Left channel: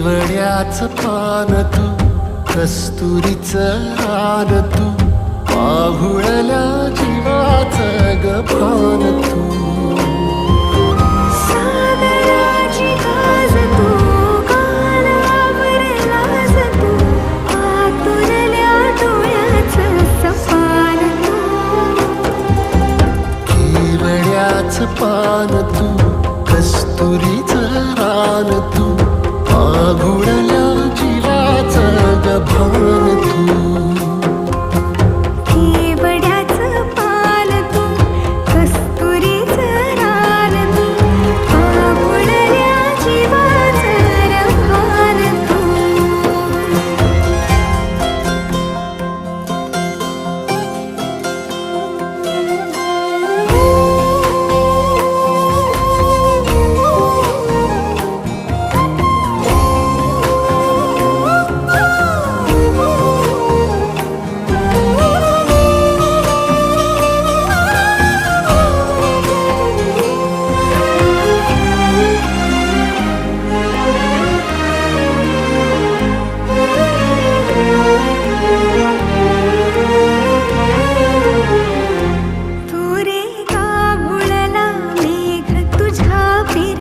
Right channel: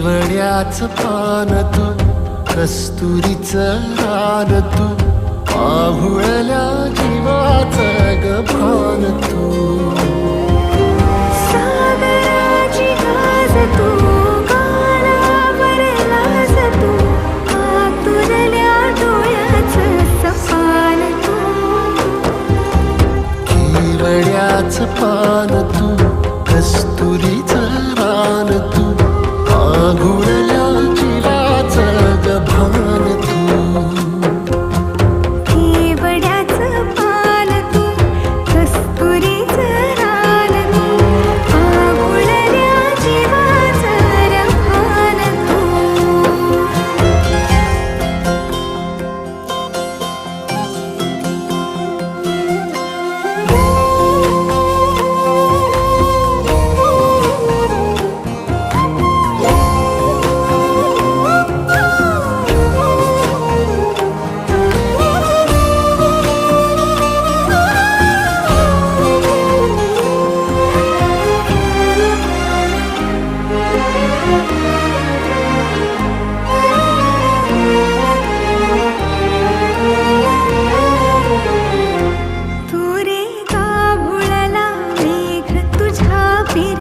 केवड्याच पान तू, कस्तुरीचं रान तू, पाहुळल्या जीवाचं गभान तू. सागराची गाज तू, कालावर लाज तू, आतुरल्या डोळ्याचं सपान तू. केवड्याच पान तू, कस्तुरीचं रान तू, पाघुळल्या जीवाचं गभान तू.